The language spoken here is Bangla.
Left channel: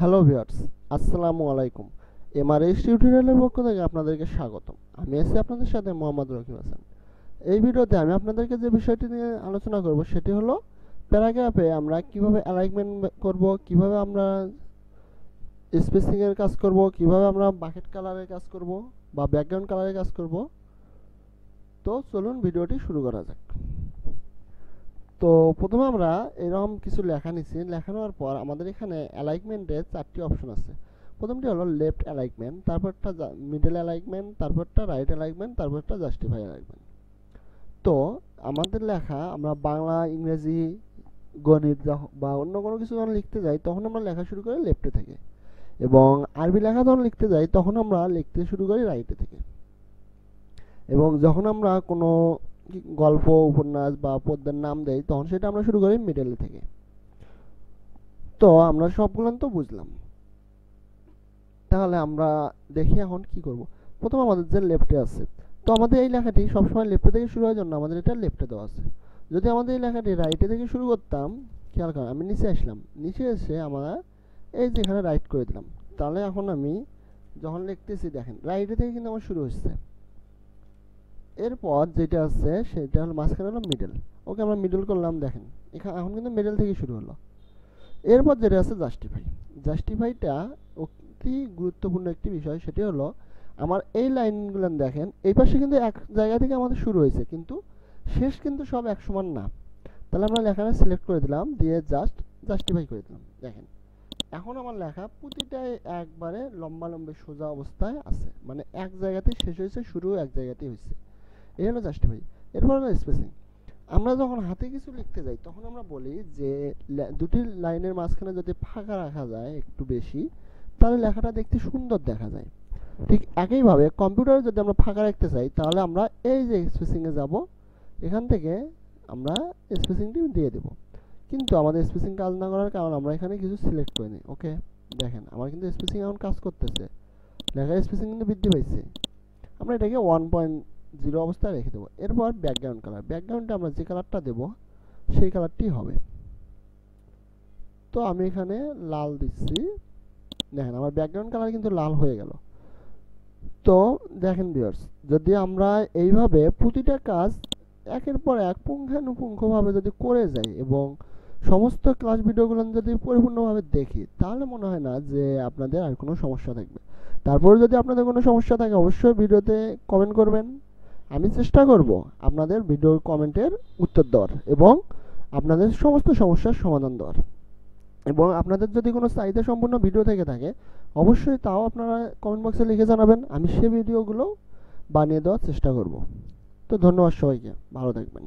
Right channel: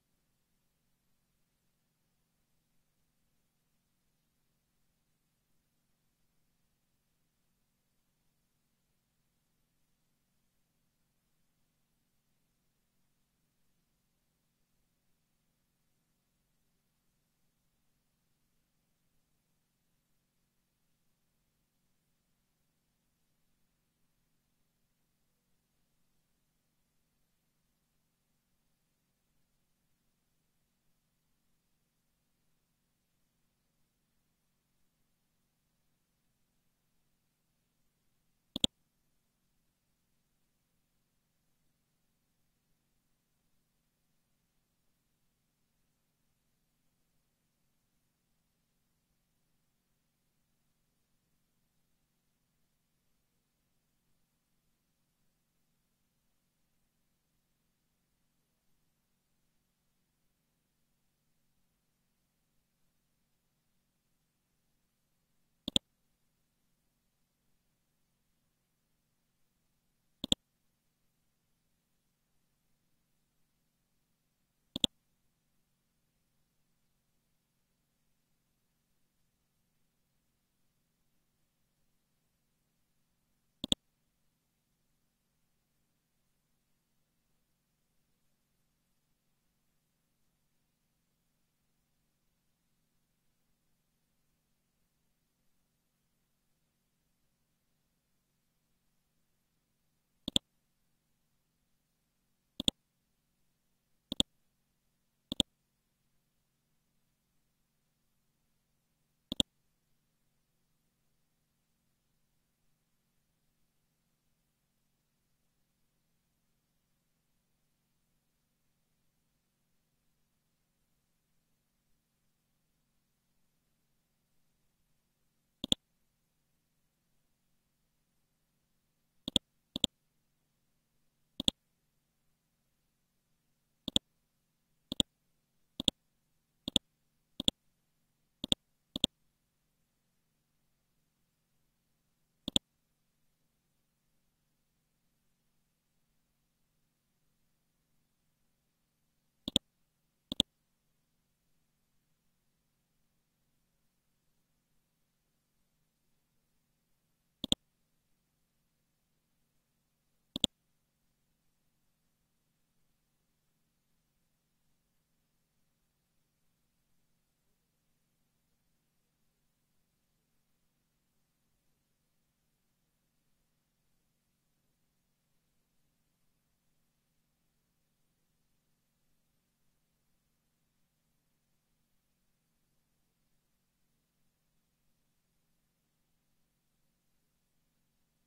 হ্যালো ভিউয়ার্স, আসসালামু আলাইকুম। এমআরএস টিউটোরিয়ালের পক্ষ থেকে আপনাদেরকে স্বাগতম। আমি আছি আপনাদের সাথে মোহাম্মদ রকিব হাসান। এই ভিডিওতে আমি আপনাদেরকে যে বিষয়টি নিয়ে আলোচনা করব সেটি হলো প্যারাগ্রাফে আমরা কিভাবে অ্যালাইনমেন্ট করব, কিভাবে আমরা স্পেসিং এর কাজ করব, কিভাবে আমরা বাকেট কালারের কাজ করব বা ব্যাকগ্রাউন্ড কালারের কাজ করব। তো চলুন ভিডিওটি শুরু করা যাক। তো প্রথমে আমরা এরকম কিছু লেখা নিচ্ছি। লেখা নেওয়ার পর আমাদের এখানে অ্যালাইনমেন্টে 4টি অপশন আছে। প্রথমটি হলো লেফট অ্যালাইনমেন্ট, তারপরটা মিডল অ্যালাইনমেন্ট, তারপরটা রাইট অ্যালাইনমেন্ট, তারপরটা জাস্টিফাই অ্যালাইনমেন্ট। তো আমাদের লেখা আমরা বাংলা, ইংরেজি, গণিত বা অন্য কোনো কিছু যখন লিখতে যাই তখন আমরা লেখা শুরু করি লেফটে থেকে, এবং আরবি লেখা যখন লিখতে যাই তখন আমরা লিখতে শুরু করি রাইটে থেকে, এবং যখন আমরা কোনো গল্প, উপন্যাস বা পদ্যের নাম দেই তখন সেটা আমরা শুরু করি মিডল থেকে। তো আমরা সবগুলো তো বুঝলাম। তাহলে আমরা দেখি এখন কি করব। প্রথম আমাদের যে লেফটে আছে, তো আমাদের এই লেখাটি সবসময় লেফটে থেকে শুরু হওয়ার জন্য আমাদের এটা লেফটে দেওয়া আছে। যদি আমাদের এই লেখাটি রাইটে থেকে শুরু করতাম, খেয়াল করেন আমি নিচে আসলাম, নিচে এসে আমরা এই যে এখানে রাইট করে দিলাম। তাহলে এখন আমি যখন লিখতেছি দেখেন রাইটে থেকে কিন্তু আমার শুরু হচ্ছে। এরপর যেটা আছে সেটা হলো মাঝখানে হলো মিডল। ওকে, আমরা মিডল করলাম, দেখেন এখানে এখন কিন্তু মিডল থেকে শুরু হলো। এরপর যেটা আছে জাস্টিফাই। জাস্টিফাইটা অতি গুরুত্বপূর্ণ একটি বিষয়। সেটি হলো আমার এই লাইনগুলো দেখেন, এই পাশে কিন্তু এক জায়গা থেকে আমাদের শুরু হয়েছে, কিন্তু শেষ কিন্তু সব এক সমান না। তাহলে আমরা লেখাটা সিলেক্ট করে দিলাম, দিয়ে জাস্টিফাই করে দিলাম। দেখেন এখন আমার লেখা প্রতিটাই একবারে লম্বা সোজা অবস্থায় আছে, মানে এক জায়গাতে শেষ হয়েছে, শুরু এক জায়গাতেই হয়েছে। এই হলো জাস্টিফাই। এরপর হলো স্পেসিং। আমরা যখন হাতে কিছু লিখতে যাই তখন আমরা বলি যে দুটি লাইনের মাঝখানে যদি ফাঁকা রাখা যায় একটু বেশি, তাহলে লেখাটা দেখতে সুন্দর দেখা যায়। ঠিক একইভাবে কম্পিউটারে যদি আমরা ফাঁকা রাখতে চাই তাহলে আমরা এই যে স্পেসিং এ যাব, এখান থেকে আমরা স্পেসিংটি দিয়ে দেব। কিন্তু আমাদের স্পেসিং কাজ না করার কারণে আমরা এখানে কিছু সিলেক্ট করে নিই। ওকে, দেখেন আমার কিন্তু স্পেসিং এখন কাজ করতেছে, লেখার স্পেসিং কিন্তু বৃদ্ধি পাইছে। আমরা এটাকে 1.0 অবস্থায় রেখে দেবো। এরপর ব্যাকগ্রাউন্ড কালার, ব্যাকগ্রাউন্ডে আমরা যে কালারটা দেব সেই কালারটি হবে। তো আমি এখানে লাল দিচ্ছি, দেখেন আমার ব্যাকগ্রাউন্ড কালার কিন্তু লাল হয়ে গেল। তো দেখেন ভিউয়ার্স, যদি আমরা এইভাবে প্রতিটা কাজ একের পর এক পুঙ্খানুপুঙ্খভাবে যদি করে যাই এবং সমস্ত ক্লাস ভিডিওগুলো যদি পরিপূর্ণভাবে দেখি, তাহলে মনে হয় না যে আপনাদের আর কোনো সমস্যা থাকবে। তারপরে যদি আপনাদের কোনো সমস্যা থাকে অবশ্যই ভিডিওতে কমেন্ট করবেন। আমি চেষ্টা করব আপনাদের ভিডিওর কমেন্টের উত্তর দেওয়ার এবং আপনাদের সমস্ত সমস্যার সমাধান দেওয়ার। এবং আপনাদের যদি কোনো চাহিদা সম্পূর্ণ ভিডিও থেকে থাকে অবশ্যই তাও আপনারা কমেন্ট বক্সে লিখে জানাবেন, আমি সেই ভিডিওগুলো বানিয়ে দেওয়ার চেষ্টা করব। তো ধন্যবাদ সবাইকে, ভালো থাকবেন।